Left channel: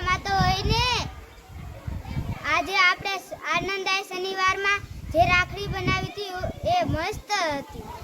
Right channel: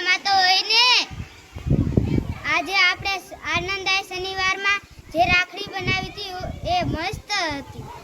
મજામાં તો હોય ને? આજે આપણે આનંદાય શનિવારમાં જે રાખડી બનાવી હતી એ મસ્ત હતી.